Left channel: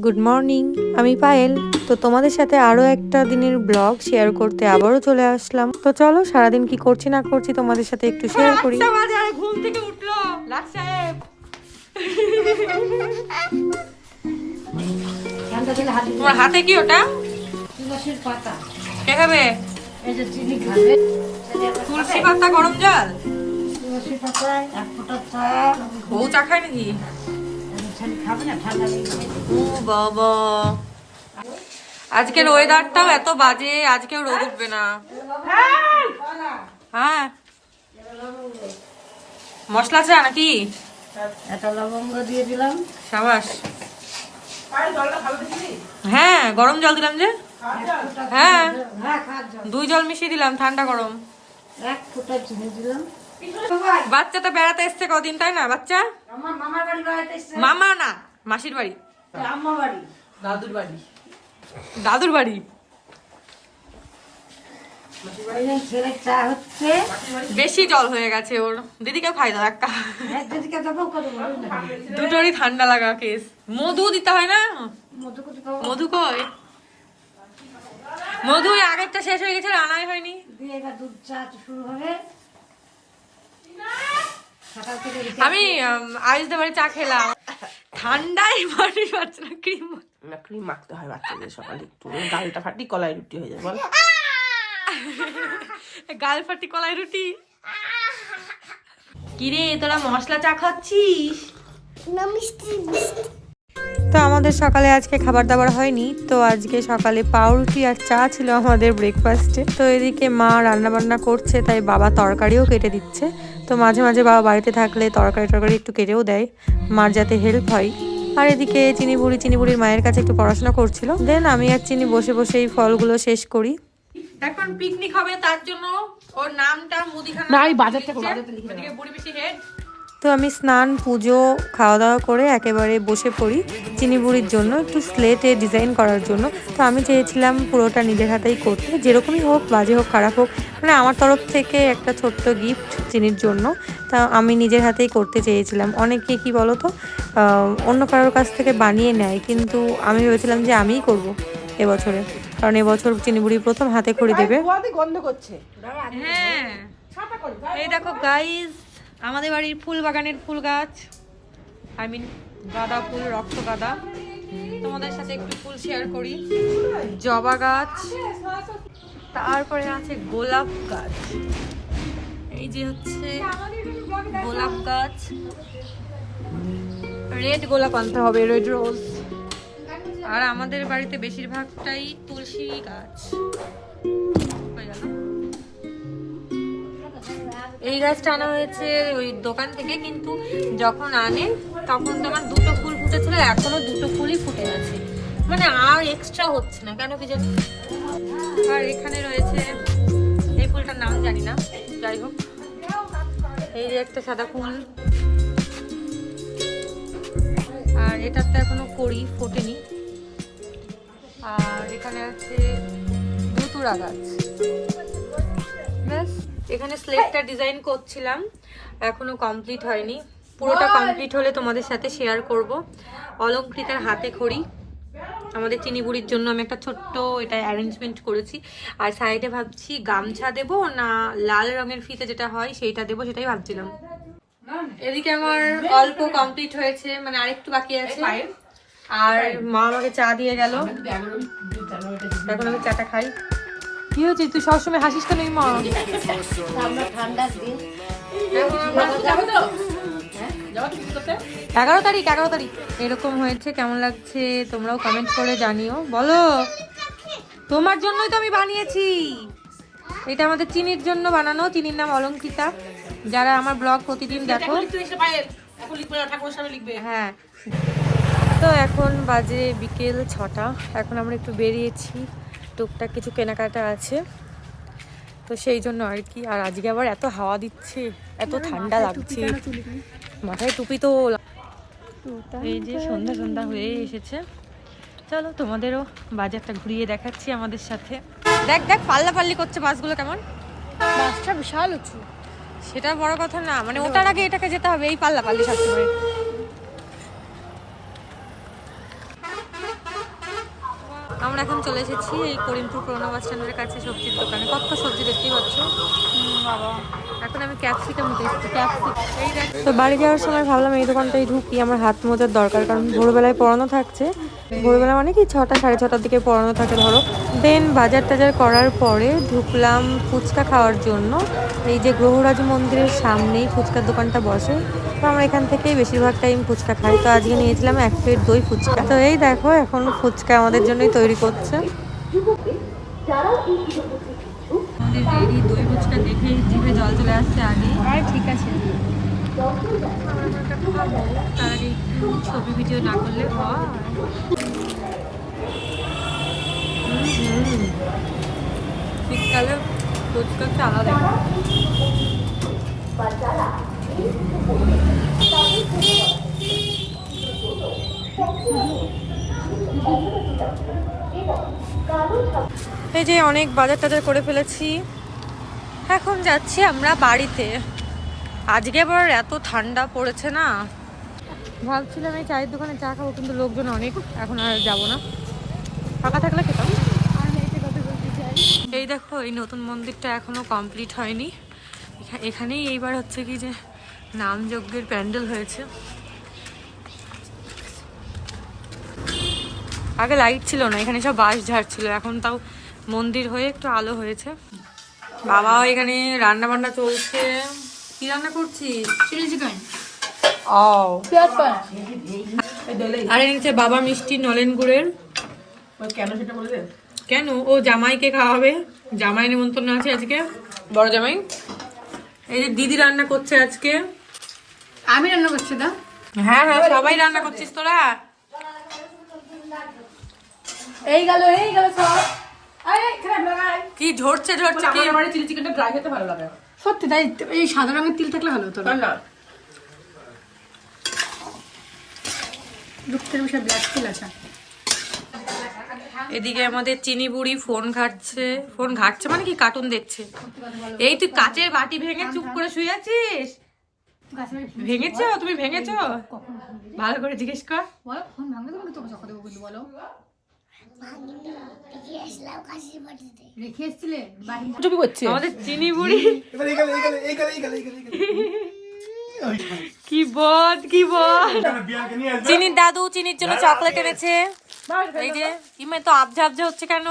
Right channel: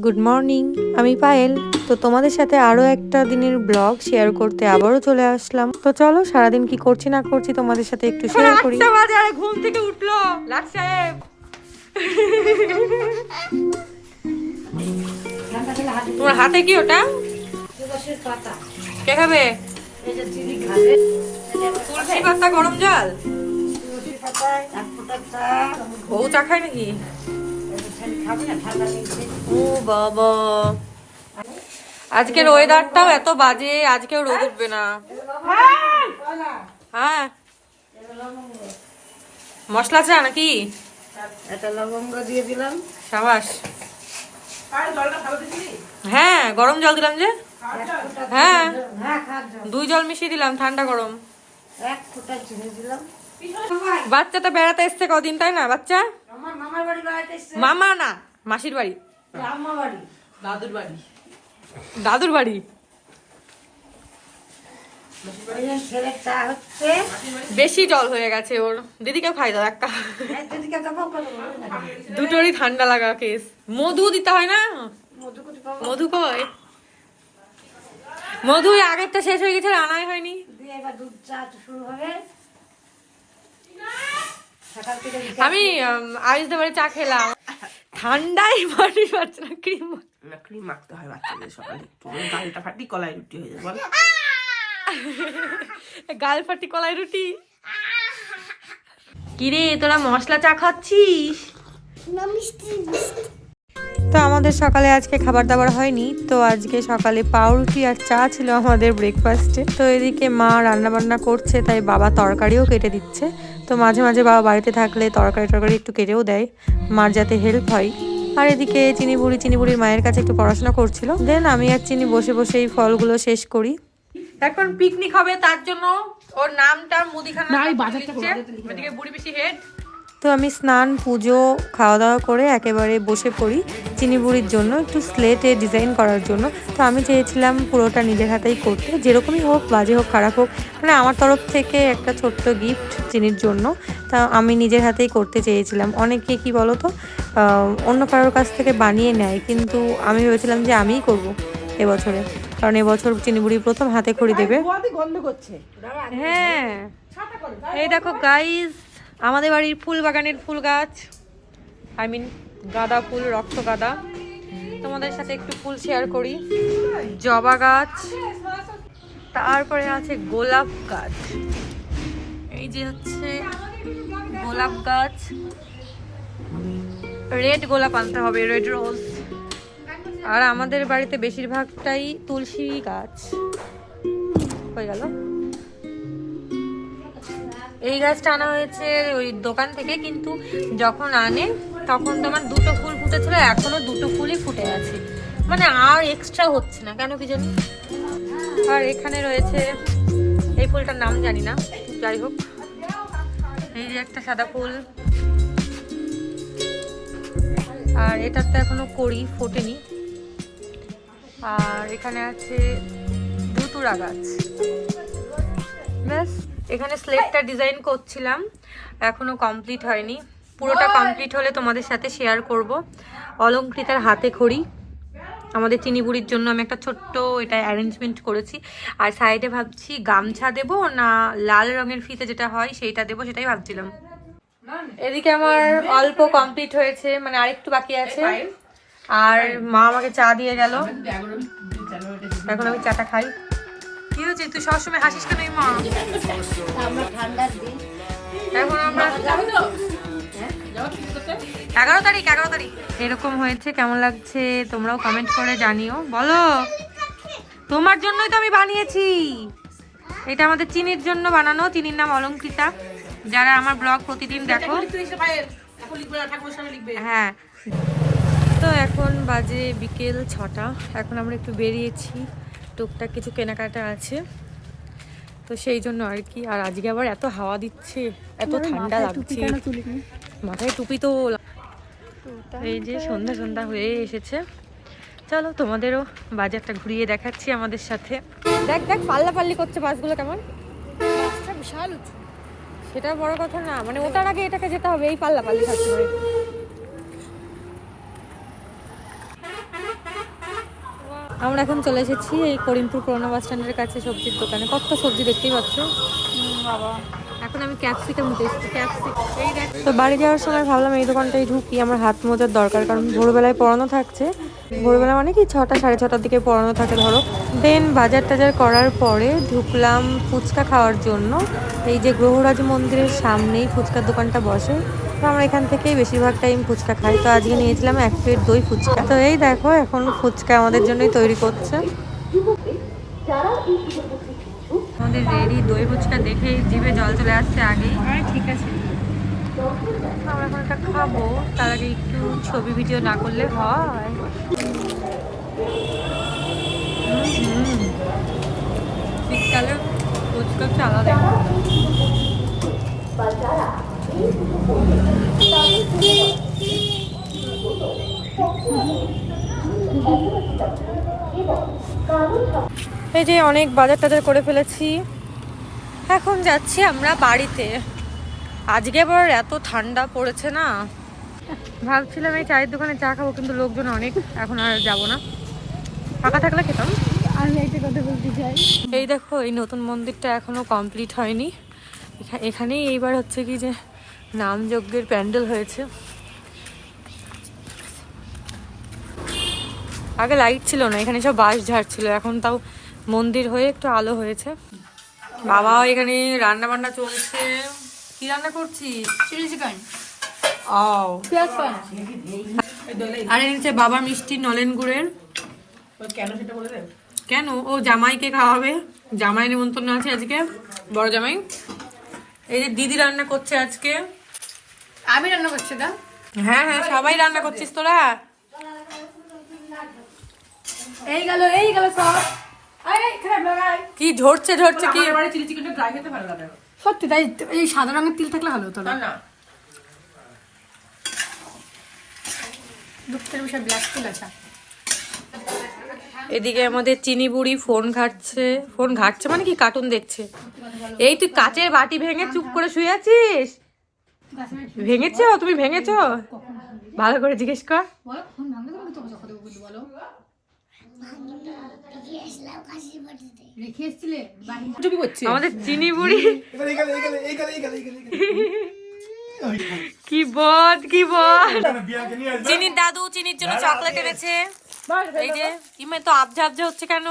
Good morning আমি পায়েল। তো তোমাদের সাথে আরও একটা দিনের ব্লগ শেয়ার করতে আবারও চলে আসলাম। তো চলো সারাদিন কি করছি না করছি তোমাদের সাথে একটু শেয়ার করি। ঘুম থেকে উঠল। সাহেব। তোমার হাতে কি ওটা? তুলসীর পাতা। কে খাবে? এই যে চিনি খাবে তুলসী পাতা গরম জল? তুলসী পাতায় এক ফোঁটা চা বউ চা খায় নাকি? ও বাবা। আজকের ওয়েদারটাও এত বাজে, আজকেও রোদ উঠবে না। হ্যাঁ। মশলা চা নাকি? হ্যাঁ গরম জল দিলাম যে। হ্যাঁ। দুই জল মিশিয়ে দিলাম, ঠান্ডা গরম। এক ফোঁটা চিনি দিলাম। বাচ্চা তো বেড়াতে এসছে কদিন তাই না বাচ্চা? মামা না মাসির বাড়ি। আম্মা বাড়ি। দাদুর বাড়ি। বেশি জল হয়ে গেছে ওর। দিদিকে খাই দাও একটা না। দুটোরই ঠান্ডা লাগা কেস মধু দিতে হয় না? মধু কয় মধু ওই আগেরটা শেষ হয়ে গেছে আনাই হয়নি। এবার দুধ চা শুরু হবে। আমি আরিসদের বাড়ি চা খেলাম। ঠান্ডায় বাড়ি পাচ্ছে না ক্রিম না ক্রিম মাখতে হয় বাচ্চাদের সকালে একটু। ডালটা ফাটি কলাই রুটি হয়ে যায় বল। গাল ফাটি কলাই রুটি। কিরে তোরা মশলা চা খাচ্ছিস? তো আমাদের সকালে আজকে খাবার দাবার হয়নি তো আজকে সকালে পাউরুটি আর চা ছিল আমাদের ব্রেকফাস্টে তো এদিকে মা রান্না বান্না করছে তাই বাবা তরকারিও কেটে দিচ্ছে। তো মাঝে মাঝে বাবা বাড়িতে থাকলে তরকারি টরকারি একটু কেটেও দেয়। মার যাতে হেল্প হয়। আর এদিকে চিনি বুড়ি চিনি বুড়ির মায়ের কাছে একটু পড়াশোনা করছিল। দেন আমি আর চিনি বসে বসে এই ফলগুলো শেষ করি। এখন পিকনিক হবে তার জন্য ওর নামটা মুদিখানা বাজারটা বাজারটা লিখে ওদিকে বুড়ি বেশি হেড তো আমি স্নান পুজো খাওয়া দাওয়া করে একেবারে বসে পড়ি চিনি বুড়ির জন্য একটু স্লেটে ডিজাইন করার জন্য। তো আমি চেয়েছিলাম পুরোটা নিজের হাতেই করতে যেরকমই হোক বাজে হোক খারাপ হোক মানে আমার তরফ থেকে একটা ছোট্ট গিফট চিনির জন্য। তা আমি নিজের হাতেই করতে চেয়েছিলাম। অনেকে কি বলো তো অন্য কারোর কাছ থেকে বানিয়ে নেয় কিন্তু আমি ভেবেছিলাম যে আমিই করব এবছরে। কারণ এবছর চিনি বুড়ি প্রথম হাতে খড়ি দেবে। গন্ধ করছে। হ্যাঁ। এই দেখো গাইস আমাদের বাড়ির ফুল বাগানের ফুল গাছ। আই মিন গাঁদা ফুল, রক্ত গাঁদা। তোমাদের সাথে একটু ফুল শেয়ার করি। জবা গাছ। তারপরে আছে গোলাপ গাছ। এই যে হচ্ছে গোলাপ গাছ। রেড গোলাপ আনতে হবে রেড রোজ আর আমাদের বাড়িতে বেশিরভাগটাই তুলসী গাছ। হয়ে গেল। এই গাছটা আনা হয়েছে ওই দোকান থেকে, কিন্তু যখন আনে, তখন তোমার দুটো ফুল ফুটেছিল, এখনও দুটো ফুলই ফুটে আছে। মানে আর এক্সট্রা হচ্ছে না, কেন কি জানি? আর এখানে রয়েছে, এই ফুলটার নাম জানি না, যাই হোক। এই যে একটা সাদা ফুল। আর এটার তো এখনও করি ফোটেনি। আর এখানে আছে ধুতুরা গাছ। ব্যাস। এখানে স্লেটটা ডিজাইন করছিলাম এখনও কমপ্লিট হয়নি। পুরোটা কমপ্লিট হলে তোমাদের সাথে শেয়ার করব। অলঙ্কৃতার হাতে খড়ি। আমাদের চিনি বুড়ির জন্য আমি একটা ছোট্ট এটা অ্যারেঞ্জমেন্ট করেছি। আর সাইডে ভাবছি গামছা দেব না লাল রঙের ফিতে যেটা হয় সেইটা দেবো সেটাই ভাবছিলাম। এদিকে আমার অল্প কমপ্লিট হয়েছে মানে আরেকটু বাকি আছে। আর মা আমাকে চা দিয়ে গেল। এখন আমি চাটা খাই। কি হয়েছে? তুই সবসময় হাসিস কেন মা? এগারো তারিখ এগারো তারিখ। এরকম হয়েছে, কেমন লাগছে? তোমরাও কমেন্ট করে জানিও। বলো, তোমার জন্যই তো আমি বানিয়েছি। এটা আমাদের চিনির জন্য বানানো, চিনির নাম অলঙ্কৃতা। যারা আমার ব্লগ প্রতিদিন দেখো। হ্যাঁ। তো এখন বাজে বিকেল ছটা। এখন আমরা একটু বেরিয়েছি। টুকটাক কিছু কেনাকাটা আছে। তো সেই জন্য আর কি আর আজকে আবার এত হাওয়া দিচ্ছে এত ঠান্ডা লাগছে। মাথায় টুপি তো এই যে সন্ধ্যা সন্ধ্যা হয়ে এসেছে। চলো তোমাদেরও বাজারটা ঘুরিয়ে দেখাচ্ছি আমাদের সাথে। দেখ দেখ পাল্লা পাল্লি করছে বাসগুলো কেমন? মাছটা বিশাল উঁচু। সেটা বড় কথা না মানে ওটার আগে এটাকে যেতে হবে এই পাল্লা পাল্লি সবসময়। আমরা এখন চলে এসেছি এই করিমপুর পুরোনো বাস স্ট্যান্ডের কাছে সবজির দোকানে। কত সবজি দেখতেই পাচ্ছ? বাবা। এখন আমি ক্যাপসিকাম এসেছি ক্যাপসিকাম। তো বাড়ি যাওয়ার সময় ভাবলাম এই দোকানটাই ঢুকি আমার হাত মোজার দরকার কারণ ভোরবেলায় পড়ানো থাকছে। ভোরবেলা মানে কি ছটা সাড়ে ছটার দিকে পড়ানো থাকে ধরো। দেন বাজার টাজার করার পরে ঢুকলাম ফুচকা খাওয়ার জন্য। এই যে গ্রহরাজ মন্দিরের সামনেই ফুচকার দোকানটা বসে। তো আমরা এখান থেকেই বেশিরভাগ টাইম ফুচকা খাই। তো আজকে নিয়েছিলাম এক প্লেট দই ফুচকা। তো এই দেখো এখন ফুচকা আমাদের জন্যই তৈরি করছে। আমাদের রেডি দই ফুচকা দেখে জিভে জল চলে আসছে আগে ঠিক আছে। আমরা এখন একটা খাব। তার আগে একটু ছবি ভিডিও না করলে হয়। শীতকালে ফুচকা হচ্ছে আলাদা এই যে অনেক বাজার টাজার করে ফেলেছি। এখন যাচ্ছি আমরা বাড়িতে। আজকে আবার এত ঠান্ডা পড়েছে না। ভাবছিলাম এই চায়ের দোকানে চা খাব, কিন্তু লোকজন অনেক। এখন আর যাব না। ফাঁকা থাকলে খেতাম। এই দেখো, এই নতুন মন্দিরটা এখনও কমপ্লিট হয়নি। এখানেই এইবার হচ্ছে কি যে নামযজ্ঞের প্যান্ডেল হয়েছে। আগে লাইট ছিল না এখানে সব বাঁশ ঝাড় ছিল এখন তাও মন্দির হয়ে একটু আলো হয়েছে। বাবা এখানে রান্না বান্না চলছে। কি রান্না করছিস? ও পান আরে নিচে বাবা মিষ্টি নলেন গুড়ের। কেন সেটা বলে কেন? ও জামাইকে খাওয়াবে। জামাই নিমন্ত্রণ আছে আজকে। বড় জামাই। এই যে দিদি রান্না করছে আজকে। আমি রান্না করছি না হ্যাঁ হ্যাঁ সবাই রান্না করছিস তোরা। এই গেল এই গেল সব। কি ঝরছে ঝরছে কি? আমার চিলি চিকেনটা ড্রাই খেতে ভালো লাগে। সত্যি তাই এই সাদা রঙের তিল থাকলে ভালো হতো না। এদিকে আমাদের চিনি বুড়ি ফোন ঘাটছে ফোন ঘাটছে মানে কি কার্টুন দেখছে। এই তুই কাচের বাটি ভেঙে চুপ করে শুয়ে আছিস? ভেঙেছো? তুমি ভেঙেছো? ভালো করে জিজ্ঞেস কর। বলো ফোন ভাঙলে তোমাকে চকো দেবো কিন্তু বলো। আমাদের চিনি বুড়ি কি বদ কি চিনির দাদু চিনির জন্য চকলেট এনেছে। এই যে ইমে তো আবজা আবজা হচ্ছে কেন?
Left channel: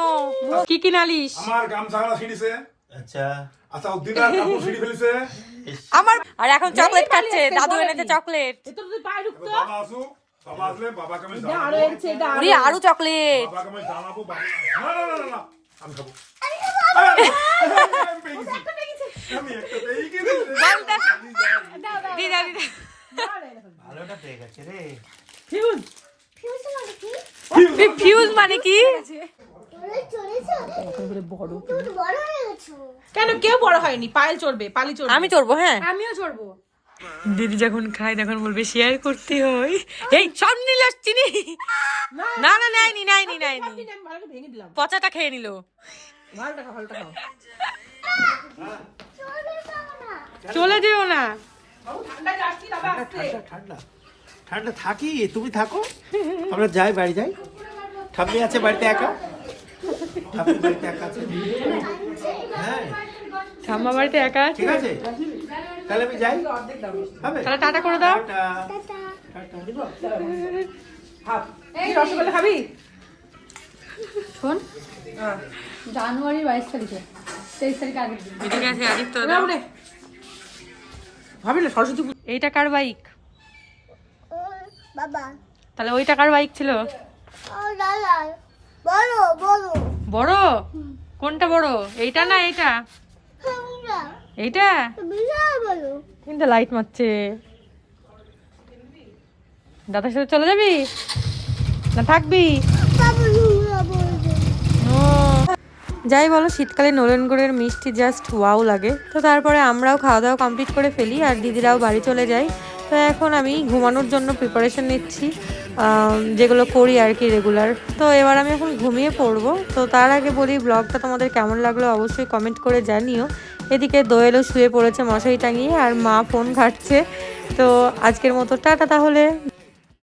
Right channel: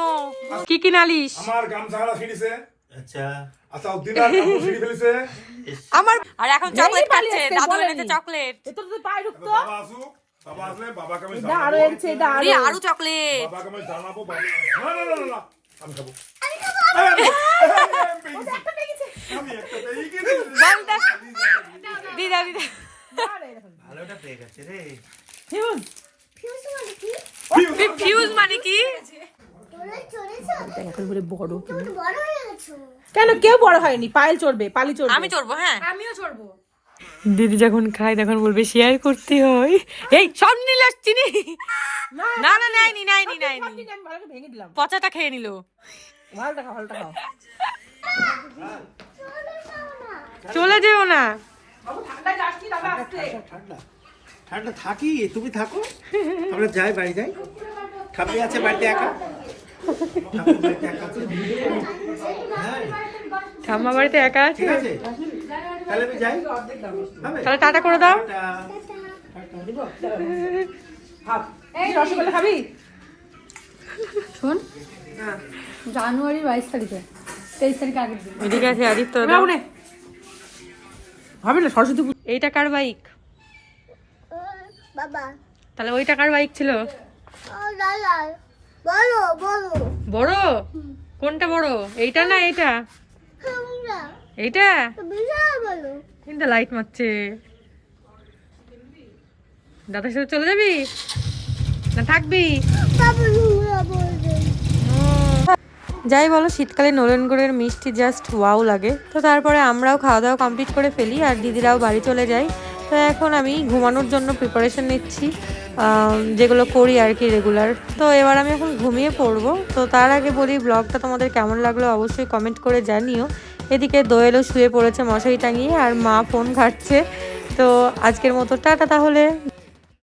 কি কি নালিশ আমার গামছাড়া ছিড়িছে। আচ্ছা। আচ্ছা উদ্দিনার কাপড় ছিড়ি ফেলেছে। আমার আর এখন চকলেট খাচ্ছে দাদু এনেছে চকলেট তো তুই পায়ে ঢুকতো বাবা বাবা আসলে বাবাকে আমি আরও এনেছে উড়ি আরও। চকলেট বাবাকে আমি জানাব বাবা না না না না, আমি খাব। আরে, আমি পেয়ে গেছি। পেয়ে গেছে। রে। কেন? কেউ বড় হয়নি? পায়েল চড়বে পালি চড়বে। আমি চড়বো হ্যাঁ। আমিও চড়বো। দিদি যখন খায় তখন বলবে শেয়ার করতে হয়। এই সব নিলে চিনি না? না করে ভেঙে দিলাম। পচাটা খেয়ে নিল। ভালটা খাও ভালটা খাও চলে যেও না। ঠান্ডা ঠান্ডা। ঠান্ডা থাকি তুমি থাকো। আমরা যাই বাড়ি যাই। ঠাম্মি আছে বাড়িতে একা? ঠাম্মি হ্যাঁ। বাড়িতে একা আছে ঠিক আছে। তাহলে আমি যাই। তাহলে টাটা করে দাও। টাটা। টাটা। কি রসগোল্লা খাবি? শোন। জানুয়ারি বাইশ তারিখে। তেইশ তারিখে আগের দিন আছে আদিত্য সরস্বতী এইটা কার বাইক? বাবা। তাহলে ওইটা কার বাইক ছিল? ও দাদা বড়? কোনটা বড়? এইটা না এইটা? এইটা? কিন্তু লাইট মারছে। দাদার সাথে চলে যাবি? না থাকবি? যাই বলো শীতকালে নলেনগুড়ের মিষ্টি জাস্ট ওয়াও লাগে। তো তারপরে আমরাও খাওয়া দাওয়া কমপ্লিট করে ফেলি আর দিদিরাও বাড়ি চলে যাই তো এখন আমি ঘুমানোর জন্য প্রিপারেশন নিচ্ছি। যেগুলো করি আর কি রেগুলার তো এবার আমি এখন ঘুমিয়ে পড়ব। তো তার আগে বলি ব্লগটা তোমাদের কেমন লাগল অবশ্যই কমেন্ট করে জানিও। এদিকে দোয়েলও শুয়ে পড়েছে মশারি টাঙিয়ে আর মা ফোন ঘাটছে। তো আজকের মতো টাটা তাহলে।